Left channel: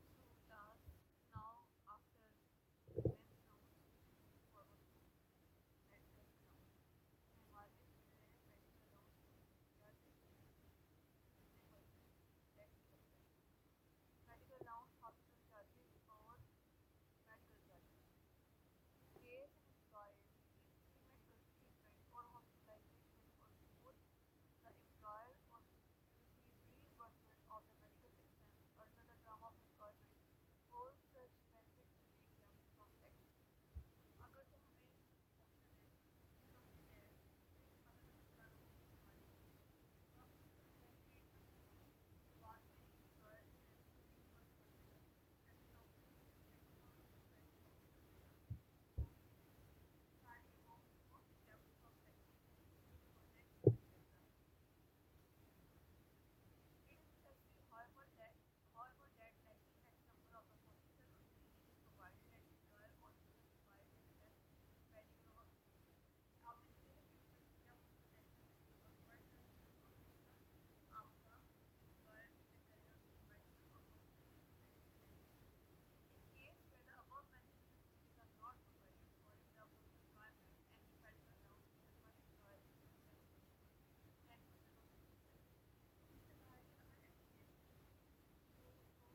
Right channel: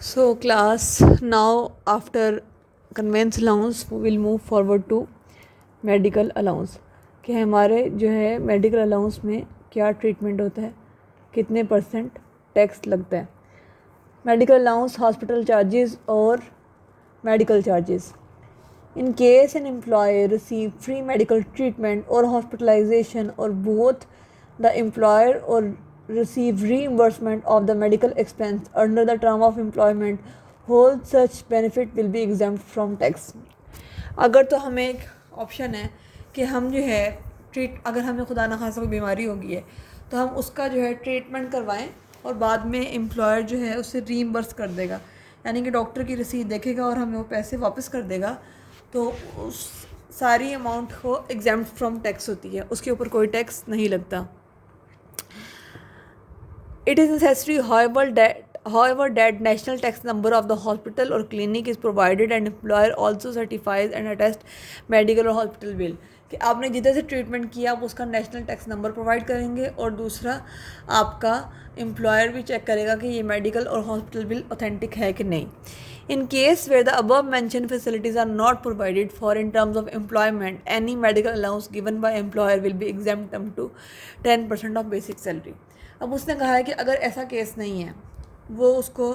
So class, now after conveyance allowance we will move forward to medical allowance कि हमारे जो है medical allowance में क्या ट्रीटमेंट होता है, कितने परसेंट टैक्स लगता है. मेडिकल अलाउंस, हॉस्पिटल चार्जेस और medical charges. In case an employee receive free medical treatment or hospitalization or both, the employer or receive reimbursement of the medical expense under the term of employment, whole such benefit will be exempt from tax. अगर तो हमें एक option है कि हम जो है अगर हमें खुदा न खासा कोई बीमारी होगी है तो हम उसका जो है ट्रीटमेंट करवाएं और बाद में एम्प्लॉयर जो है उससे रीइम्बर्स कर देगा, यानी कि डॉक्टर की रसीद देखेगा और हमें वो पैसे वापस कर देगा, तो उस सारी अमाउंट को एग्जाम्प्ट फ्रॉम टैक्स होती है, उसके ऊपर कोई टैक्स नहीं लगता. It is necessary, however, that national tax number of the hospital or clinic is provided and employer also certifies and attests medical or hospital bill कि आपने जिधर से ट्रीटमेंट किया आप उसका नेशनल टैक्स नंबर प्रोवाइड करेंगे और दूसरा आपका एम्प्लॉयर भी चेक करेगा कि ये मेडिकल और हॉस्पिटल बिल ऑथेंटिक है कि नहीं. In case where the above mentioned facilities are not provided for in terms of employment, any medical allowance given by employer will be exempt up to 10% of basic salary. अब उसने कहा है कि अगर ऐसा केस नहीं है, वो उसको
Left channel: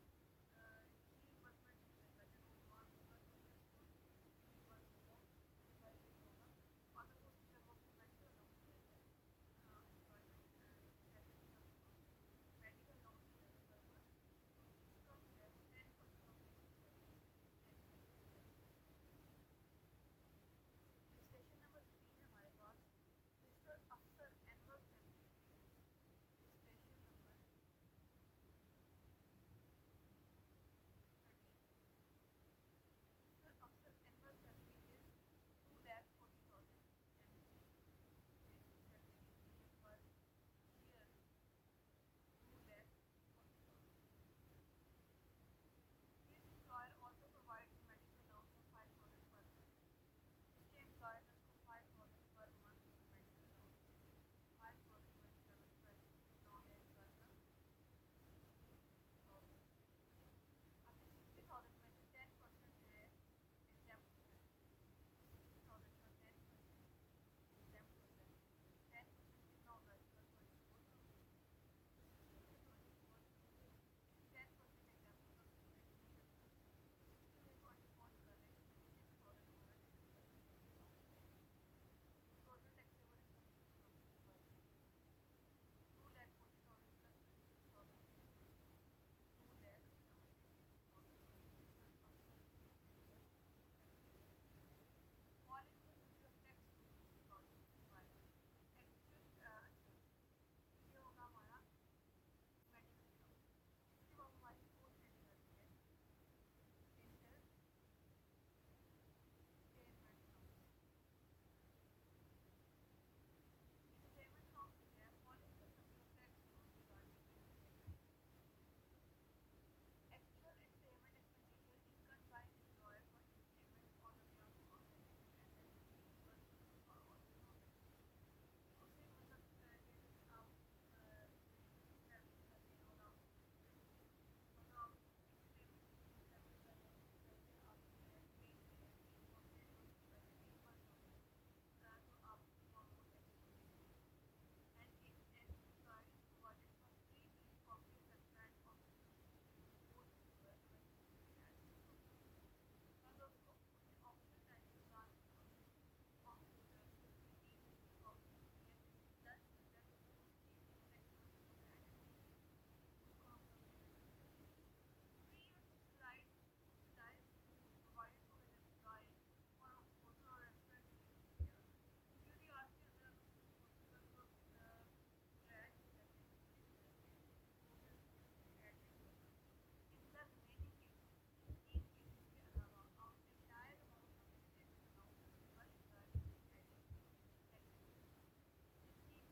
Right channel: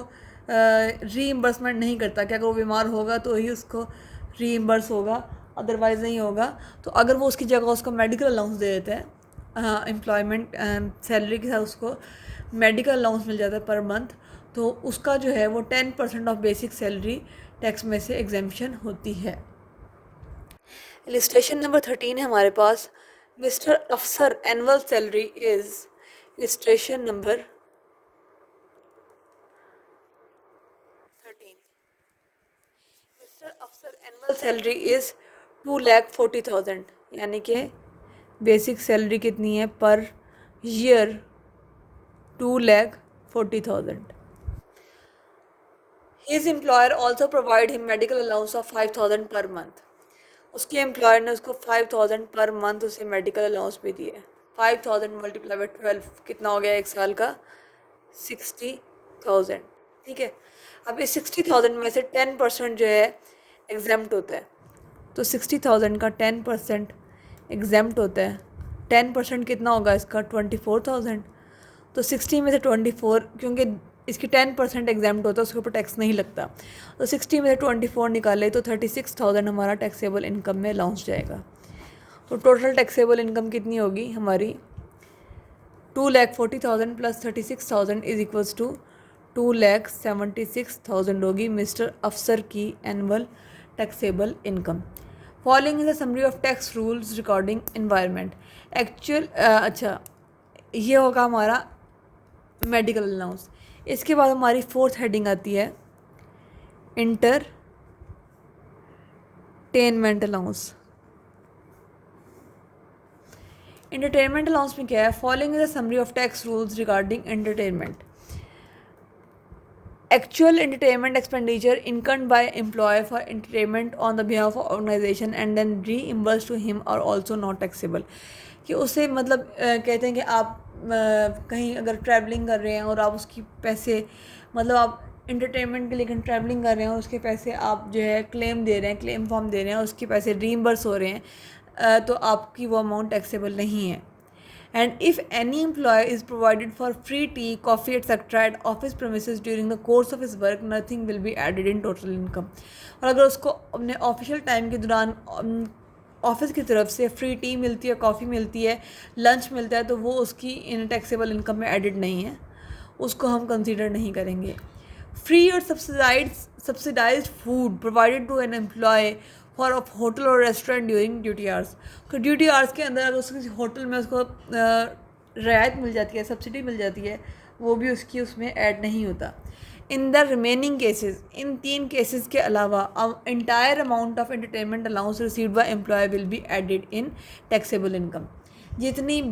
रीइम्बर्समेंट नहीं करता कि अगर वो बीमार होगा तो ही उसको रीइम्बर्स होगा, अदरवाइज़ नहीं होगा. तो अगर वो उसकी जगह उसको मेडिकल अलाउंस दे देता है, एम्प्लॉयमेंट सैलरी के साथ उसको मेडिकल अलाउंस मिल जाता है पर मंथ, तो उसका जो है वो 10% ऑफ बेसिक सैलरी टैक्स में से एग्जेम्पशन होती है. इलिस्ट्रेशन नंबर 13 है हमारे पास. मिस्टर अफसर annual salary is, illustration number 13, mister अफसर एनुअल सैलरी इज़ 2,40,000, यानी कि बेसिक सैलरी कितनी है per year 2,40,000. His employer also provide him medical allowance of 5,000 per month. उसके एम्प्लॉयर ने उसको 5,000 पर मंथ उसे मेडिकल अलाउंस भी दिए. 5,000 मल्टीप्लाई बाई 12 कितना हो गया एक साल का? 60,000. ठीक है. अब इस 60,000 में से 10% जो है एग्जाम्प्ट होता है, तो 60,000 का 10% एग्जाम्प्ट होता है. 10% कितना होगा इसका? 24,000. तो 60 में से 24, क्योंकि इसकी 10% एग्जाम्प्ट होता है, उसके ऊपर टैक्स नहीं लगता, तो 60 में से 24 निकाले तो 36,000 हमारा टैक्सेबल इनकम में लॉन्च जाएगा. तो टोटल टैक्सेबल इनकम कितनी होगी हमारी? 2,40,000 प्लस 36,000 इज इक्वल्स टू 2,76,000 होगी मिस्टर अफसर की annual taxable income. Following in the summary of tax rules recording environment. Actual अच्छा, ये होगा हमारा मेडिकल अलाउंस. इसके बाद हमारी फोर्थ हेडिंग आती है इंटरटेनमेंट अलाउंस. इंटरटेनमेंट अलाउंस में क्या है? Following the summary of tax rules regarding entertainment. Actual entertainment expenditure incurred by employee for entertainment on the behalf of organization and then reimbursed to him are also not taxable. कि उसे मतलब कहते हैं कि आप कहीं अगर ट्रैवलिंग कर रहे हैं और आप उसकी पैसे, मतलब आप इंटरटेनमेंट के लिए कहीं ट्रैवलिंग कर रहे हैं और उसके पैसे आप जो है क्लेम दे रहे हैं, क्लेम फॉर्म दे रहे हैं, उसके पैसे रीइम्बर्स हो रहे हैं, तो आपकी वो अमाउंट टैक्सेबल नहीं है. And if any employee is provided for free tea, coffee, etc. at office premises during the course of his work, nothing will be added in total income. और अगर उसको अपने ऑफिशियल टाइम के दौरान office की तरफ से फ्री टी मिलती है, कॉफ़ी मिलती है, लंच मिलता है, तो वो उसकी इन टैक्सेबल इनकम में एडिड नहीं है, उसको हम कंसीडर नहीं करेंगे. फ्री और subsidised food provided to an employee for a hotel और रेस्टोरेंट ड्यूरिंग ड्यूटी आवर्स. तो ड्यूटी आवर्स के अंदर अगर उसको किसी होटल में उसको रियायत मिल जाती है, सब्सिडी मिल जाती है, वो भी उसकी उसमें ऐड नहीं होता. In the remaining cases, in 3 cases के अलावा entire amount of entertainment allowance received by employee will be added in taxable income. जितनी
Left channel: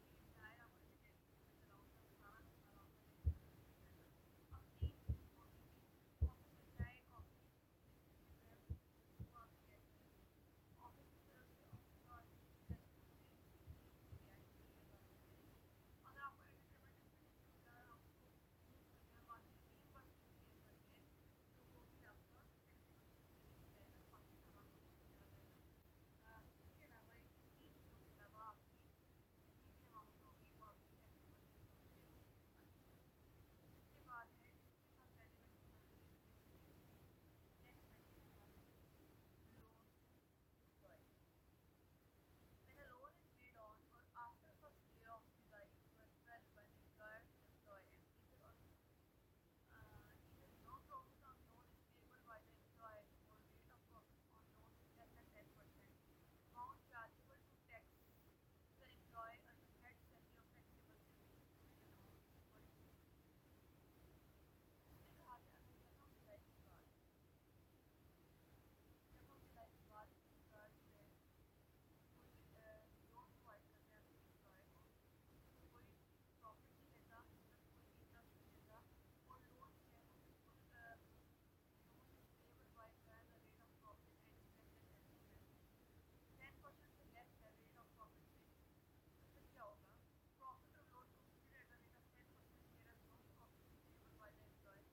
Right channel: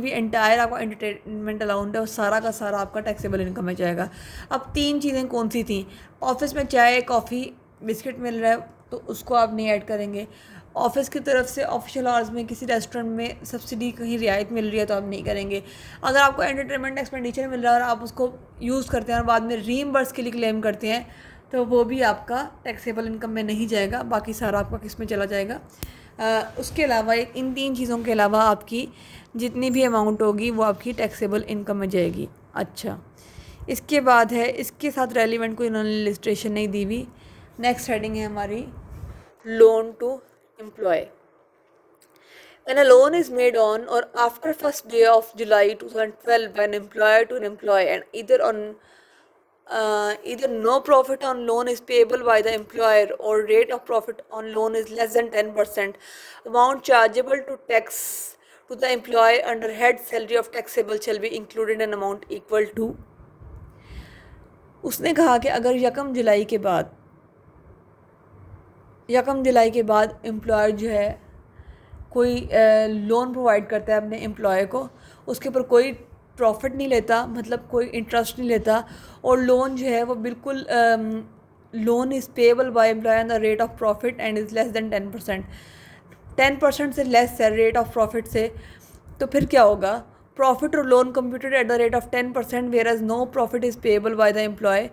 भी एंटायर आपका एंटरटेनमेंट अलाउंट है वो सारा का सारा आपका टैक्सेबल इनकम में जाएगा. अब 3 चीज़ें कौन सी थी? ऑफिस में चाय, कॉफ़ी, बिस्किट मिल रहा है तो उसको आप नहीं ऐड करेंगे. ऑफिस की तरफ से ऑफिशियल आवर्स में किसी रेस्टोरेंट में सब्सिडी कहीं रियायत मिल रही है तो आप नहीं करेंगे। अगर आपको एंटरटेनमेंट एक्सपेंडिचर मिल रहा है और आप उसको यूज़ करते हैं और बाद में रीइंबर्स के लिए क्लेम करते हैं तो वो भी आपका टैक्सेबल इनकम में नहीं जाएगा, बाकी सारा आपका किस में चला जाएगा। उसके अलावा इन 3 चीज़ों के अलावा आपकी जितनी भी अमाउंट होगी वो आपकी टैक्सेबल इनकम में जाएगी। अच्छा, इसके बाद है, इसके साथ रेलिवेंट कोई इन्होंने इलस्ट्रेशन नहीं दी हुई। नेक्स्ट हेडिंग है हमारी loan to employee. When a loan is made on or after first day of July 2012 by an employer to an employee and either no profit on loan is payable by the employer or rate of profit on loan is less than 10%, amount chargeable to tax to the employer under head salary of taxable shall be included in amount equal to। उसने कहा कि अगर यकम जुलाई के बाद employer जो है कोई लोन प्रोवाइड करता है अपने एम्प्लॉय को, उसके ऊपर कोई प्रॉफिट नहीं लेता, मतलब कोई इंटरेस्ट नहीं लेता, और लोन जो है वो बिल्कुल loan is payable by employee on the rate of profit and is less than 10%, 10% से लेस है रेट ऑफ प्रॉफिट से, तो फिर क्या होगा? प्रॉफिट और loan computed at the rate of 10% whereas no profit is payable by the employee.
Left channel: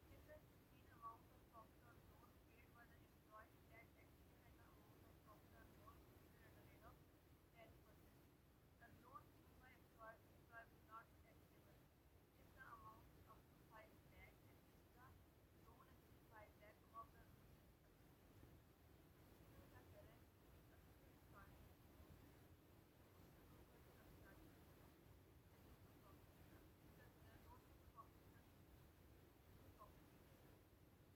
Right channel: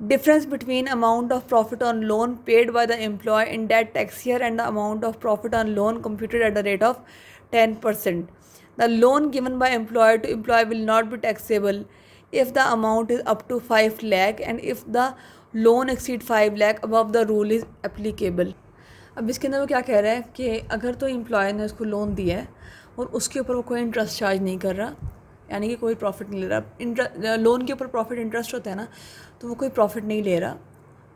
Difference between amount of profit on loan paid by the employee in that tax year and the amount of profit on loan computed at the rate of 10%. The loan given by employer to employee will not be taxable if the amount is up to 5 lakh and if the loan exceed 5 lakh above the rule is applicable। अब इसके अंदर वो क्या कह रहा है कि अगर तो एम्प्लॉयर ने उसको लोन दिया है और उसके ऊपर वो कोई इंटरेस्ट चार्ज नहीं कर रहा, यानी कि कोई प्रॉफिट नहीं ले रहा, लोन के ऊपर प्रॉफिट इंटरेस्ट होता है ना, तो वो कोई प्रॉफिट नहीं ले रहा,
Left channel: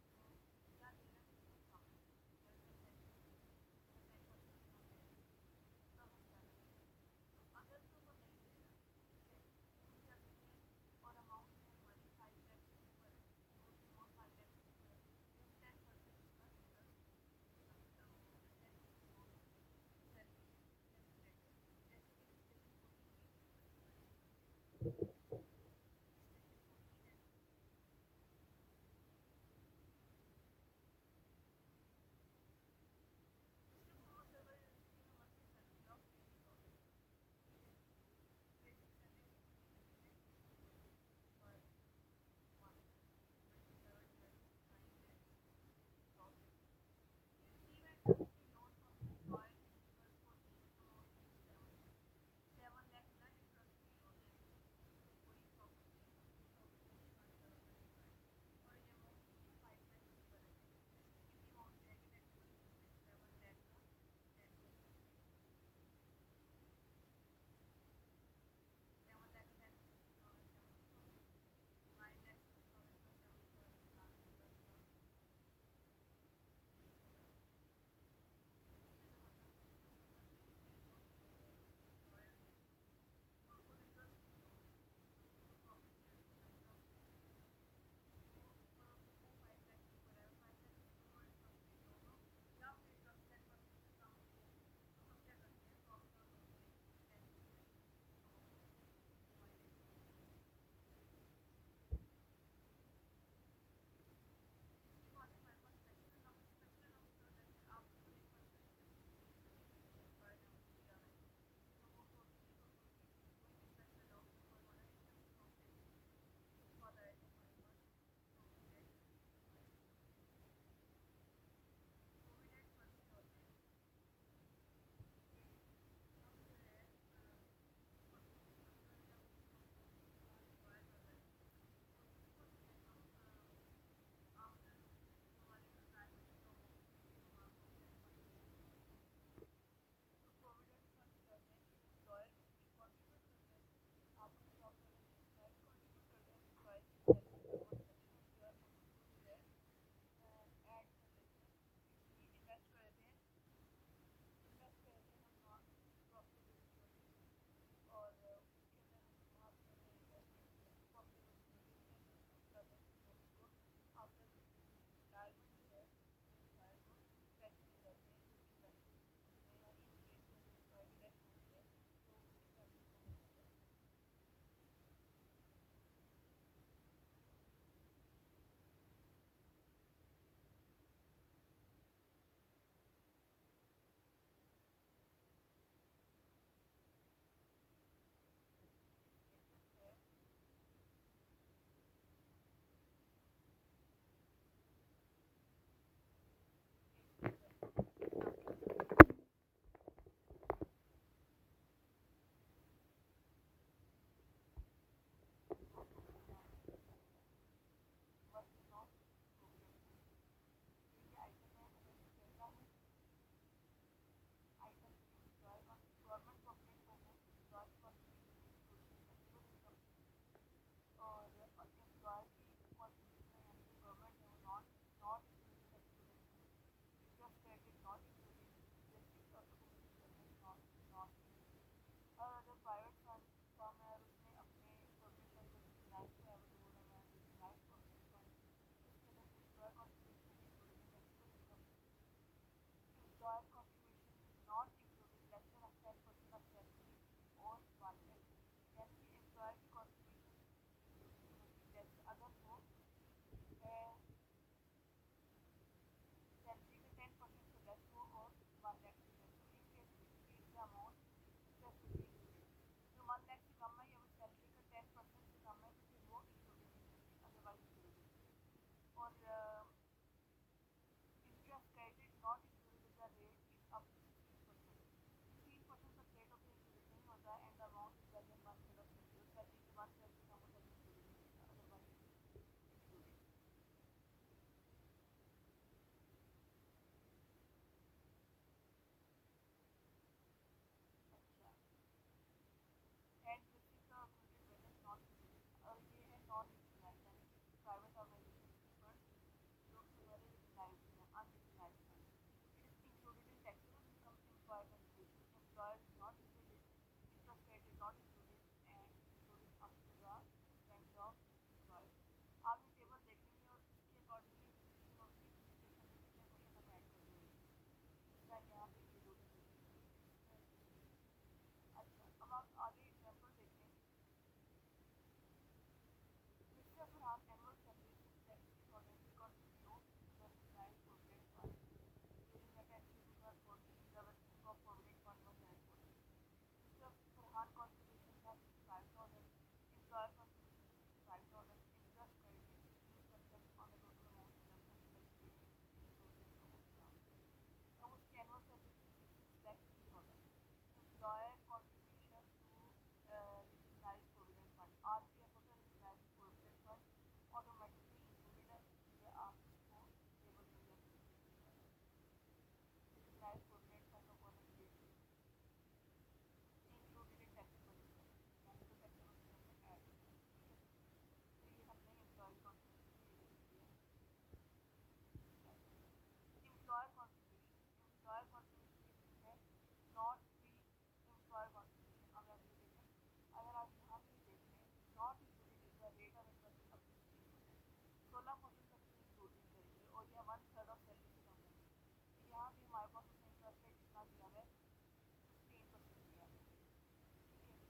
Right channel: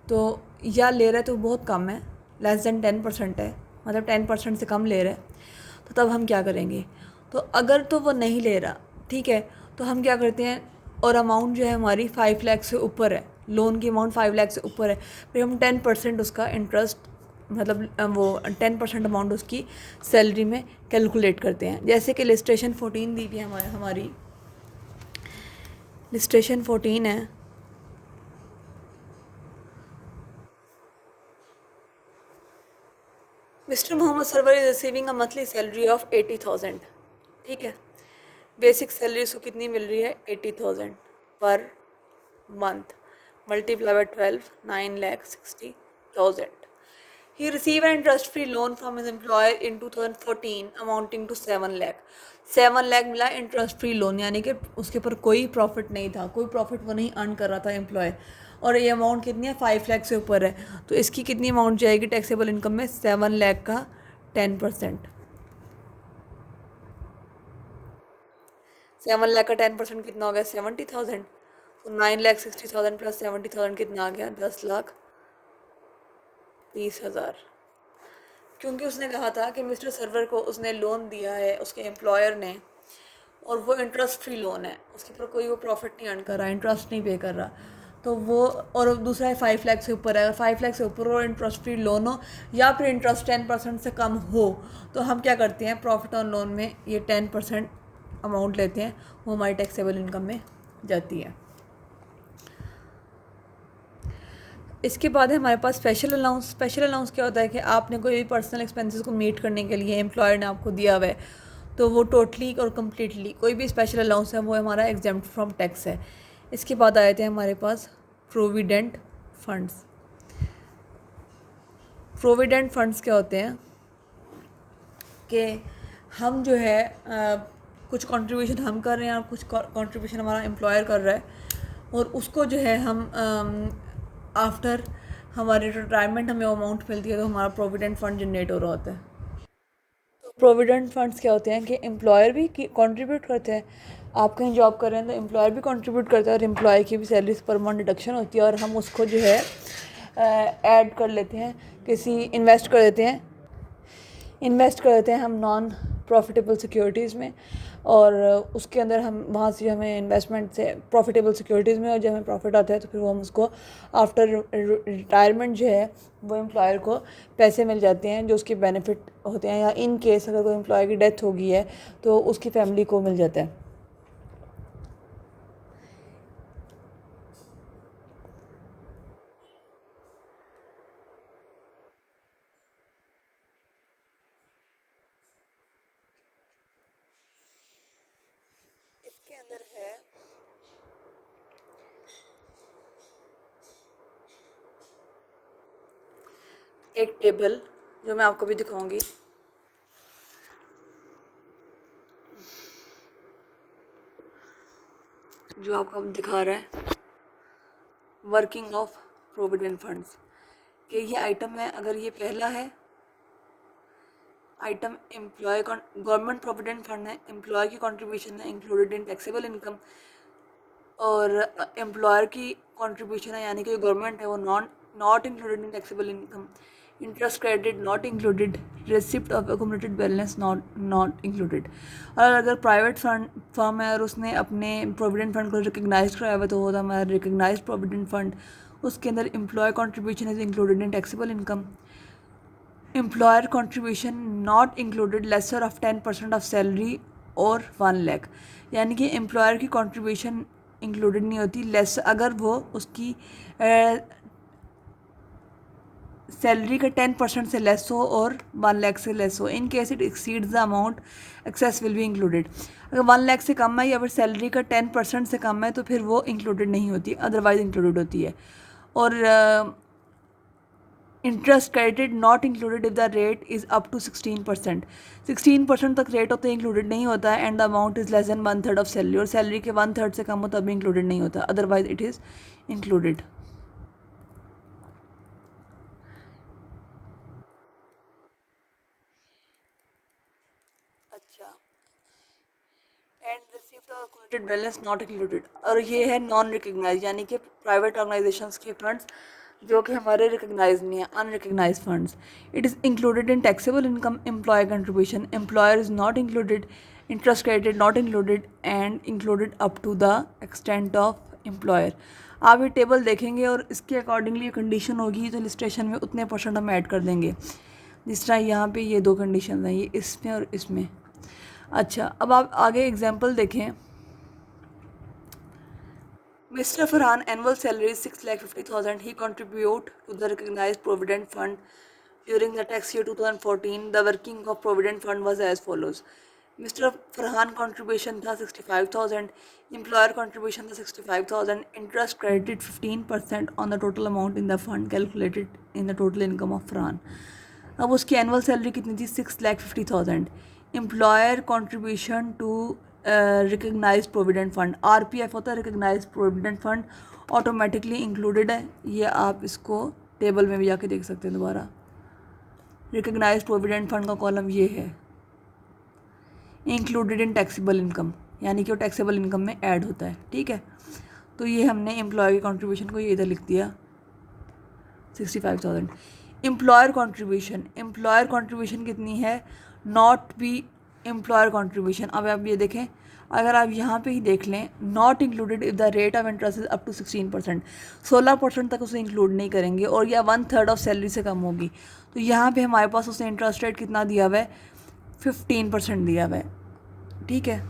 तो या ले रहा है तो बहुत कम है, लेस देन 10% है, मतलब 10% से कम ले रहा है, तो तब हम क्या करेंगे? तो अगर तो वो नहीं ले रहा, ठीक है, तो हम क्या करते हैं, और अमाउंट जो है हमारी 5 लाख से ऊपर है, लोन की अमाउंट 5 लाख से ऊपर है, फिर हम 10% उसका इंटरेस्ट, मतलब वो 10% अमाउंट उसकी सैलरी में कैलकुलेट करते हैं। जैसे कि लिस्ट्रेशन 14 दी हुई है हमारी लिस्ट्रेशन 14 है, mister Mohammad Sarwar is receiving a monthly salary of 80,000, ठीक है, बेसिक सैलरी उसको कितनी मिल रही है? 80,000 per month, multiply by 12, 9,60,000। He received an interest-free loan from his employer in 2014 amounting to 7 lakh। 7 lakh मिला इंटरेस्ट फ्री लोन, यानी कि उसके ऊपर कोई प्रॉफिट नहीं था, कोई प्रॉफिट वो नहीं अर्न कर रहा था एम्प्लॉय, और ये अमाउंट कितनी है? 5 लाख से ऊपर है, तो इसकी कितनी अमाउंट जाएगी टैक्सेबल इनकम में? 7 लाख का 10%। 7 लाख का 10% कितना हो गया? 70,000। तो 9,60,000 प्लस 70,000 कितना आ गया? 10,30,000। क्योंकि उसने कहा था कि मिस्टर सर्वर को उसने लोन दिया है उसके एम्प्लॉयर ने, और वो इंटरेस्ट फ्री लोन है, उसके ऊपर कोई वो प्रॉफिट नहीं अर्न कर रहा, इंटरेस्ट नहीं पे कर रहा, तो वो, और दूसरा है 5 लाख से ऊपर है, अगर 5 लाख से ऊपर हो, इंटरेस्ट फ्री लोन हो, या फिर इंटरेस्ट 10% से कम हो, तो हम क्या करते हैं? प्रॉफिट ऑन लोन में ये 10% अमाउंट लेते हैं, वो हमारी टैक्सेबल इनकम में जाती है। इसके बाद है हमारे पास स्पेशल अलाउंस। स्पेशल अलाउंस क्या होता है कि आपने कोई भी पर्सनल एक्सपेंसेस को मीट करने के लिए एम्प्लॉयर ने आपको दिया हुआ है, तो वो टोटली और कम्प्लीटली कोई भी स्पेशल अलाउंस है वो हमारा एग्जेम्प्ट फ्रॉम टैक्स है। इसके बाद आए थे हमारे पास प्रोविडेंट फंड्स। प्रोविडेंट फंड्स क्या होते हैं कि हम जो है कुछ कंट्रीब्यूशन हम कर रहे हैं और कुछ कंट्रीब्यूशन हमारा एम्प्लॉयर कर रहा है, और उसको जो है हम आफ्टर हमारे रिटायरमेंट हमें अमाउंट मिलती है, तो हमारा प्रोविडेंट फंड जनरेट हो रहा होता है। तो प्रोविडेंट फंड्स क्या होते हैं कि एम्प्लॉयर भी कंट्रीब्यूट करते हैं, आप कहीं जॉब कर रहे हैं तो एम्प्लॉयर भी कंट्रीब्यूट करता है, और एम्प्लॉय की भी सैलरी पर मंथ डिडक्शन होती है, और हम उसको जो है ऐड कर लेते हैं, किसी इन्वेस्ट कर देते हैं हम नॉन प्रॉफिटेबल सिक्योरिटीज़ में, और उसके अंदर हम वहाँ से हमें इन्वेस्टमेंट से प्रॉफिटेबल सिक्योरिटीज़ में, और जब हमें प्रॉफिट आता है तो फिर वो हम उसको आफ्टर रिटायरमेंट जो है वो एम्प्लॉयर को पैसे मिल जाते हैं जो उसके बेनिफिट होते हैं, या इन केस अगर कोई एम्प्लॉय की डेथ हो गई है तो उसकी फैमिली को मिल जाता है। एक टेबल जो मैं आपको भी दिखाऊंगी, जो आपको अब दिखा रहा है वर्किंग ऑफ प्रोविडेंट फंड्स, कि ये आइटम है, अगर ये पहला है item employee government provident fund है, एम्प्लॉय की कंट्रीब्यूशन है इंक्लूडेड इन टैक्सेबल इनकम, और एम्प्लॉयर की कंट्रीब्यूशन है यानी कि गवर्नमेंट है वो not included in taxable income, interest credit not included, receipt of accumulated balance not included. और अगर प्राइवेट फर्म है और उसने अपने प्रोविडेंट फंड को रिकग्नाइज कराया हुआ तो वो हमारा रिकग्नाइज प्रोविडेंट फंड, उसके अंदर employee contribution is included in taxable income, employer contribution not included lesser of 10% of salary और 1 लाख, यानी कि एम्प्लॉयर की कंट्रीब्यूशन इंक्लूडेड नहीं होती लेस अगर वो उसकी सैलरी का 10% से लेस हो और 1 लाख से लेस हो। In case it exceeds the amount access will be included. अगर 1 लाख से कम है या फिर सैलरी का 10% से कम है तो फिर वो इंक्लूडेड नहीं होती, अदरवाइज इंक्लूडेड होती है। और interest credit not included if the rate is up to 16%। 16% तक रेट होता है इंक्लूडेड नहीं होता है, and the amount is less then 1/3 of salary, और सैलरी के 1/3 से कम हो तब भी इंक्लूडेड नहीं होता, अदरवाइज इट इज़ इंक्लूडेड। अच्छा, एंड रिसीप्ट और अक्यूमुलेटेड बैलेंस नॉट इंक्लूडेड, और ये है नॉन रिकग्नाइज यानी कि प्राइवेट ऑर्गेनाइजेशंस के फंड्स जो कि हमारे रिकग्नाइज नहीं है, unrecognised funds. It is included in taxable income, employee contribution, employer is not included, interest credit not included, and included up to the extent of employer. आप ये टेबल देखेंगे और इसके अकॉर्डिंगली कंडीशन होगी तो लिस्ट्रेशन में उतने परसेंट हम ऐड कर देंगे। जिस तरह यहाँ पे ये 2 कंडीशन हैं, ये इसमें और इसमें। अच्छा, अब आप आगे एग्जांपल देखें। Mr. Farhan annual salary is 6,50,000. He contribute to the recognized provident fund during the tax year 2014. The working of provident fund was as follows. Mr. Farhan contribution था 65,000. Employer contribution था 65,000. Interest credited 15% on the total amount in the fund calculated in the total income of Farhan. अब उसकी annual salary कितनी थी? 6,50,000. Employer contribution to recognised provident fund, RPF होता है recognised provident fund, automatically included है। ये आप इसको टेबल में भी जाके देख सकते हैं दोबारा। रिकग्नाइज प्रोविडेंट फंड का कॉलम ये है, इंक्लूडेड इन टैक्सेबल इनकम, यानी कि वो टैक्सेबल इनकम में ऐड होता है। ठीक है, तो ये हमने एम्प्लॉय की कॉन्ट्रीब्यूशन को ये इधर लिख दिया 65,000। एम्प्लॉयर कॉन्ट्रीब्यूशन कितनी है? Not be employer contribution. अब आप ये देखें, अगर आप यहाँ पे ही देख लें, not included if the rate of interest is up to 16%, 16% तक उसे इंक्लूड नहीं करेंगे और या 1/3 ऑफ सैलरी से कम होगी। तो यहाँ पे हमारे पास उसे इंटरेस्ट रेट कितना दिया हुआ है? 15% दिया हुआ है। ठीक है,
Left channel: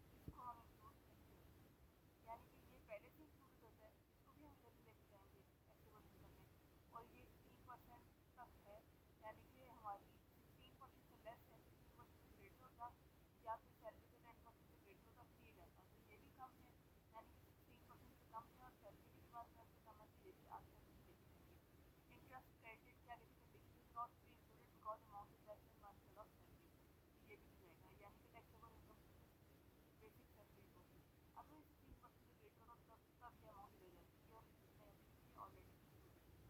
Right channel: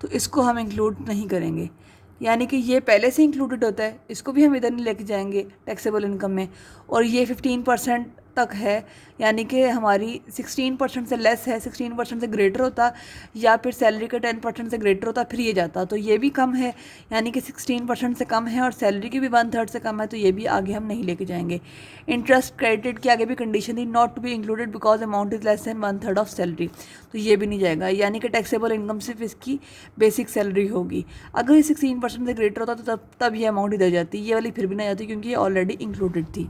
तो इसको हम इंक्लूड नहीं करेंगे, यानी कि ये पहले से इंक्लूडेड होता है, इसको भी हम इधर नहीं लेके जाएंगे टैक्सेबल इनकम में। और ये 15% तक है, यानी कि हमारी 16% से लेस है, 16% से ग्रेटर होता या फिर सैलरी का 10% से ग्रेटर होता फिर ये जाता। तो ये भी कम है, यानी कि 16% से कम है और सैलरी की भी 1/3 से कम है, तो ये भी आगे हम नहीं लेके जाएंगे। इंटरेस्ट क्रेडिट की आगे भी कंडीशन थी, not to be included because amount is less than 1/3 of salary, तो ये भी नहीं जाएगा, यानी कि टैक्सेबल इनकम सिर्फ इसकी बेसिक सैलरी होगी। अगर ये 16% से ग्रेटर होता तो तब ये अमाउंट इधर जाती, ये वाली फिर भी नहीं जाती क्योंकि ये ऑलरेडी इंक्लूडेड थी।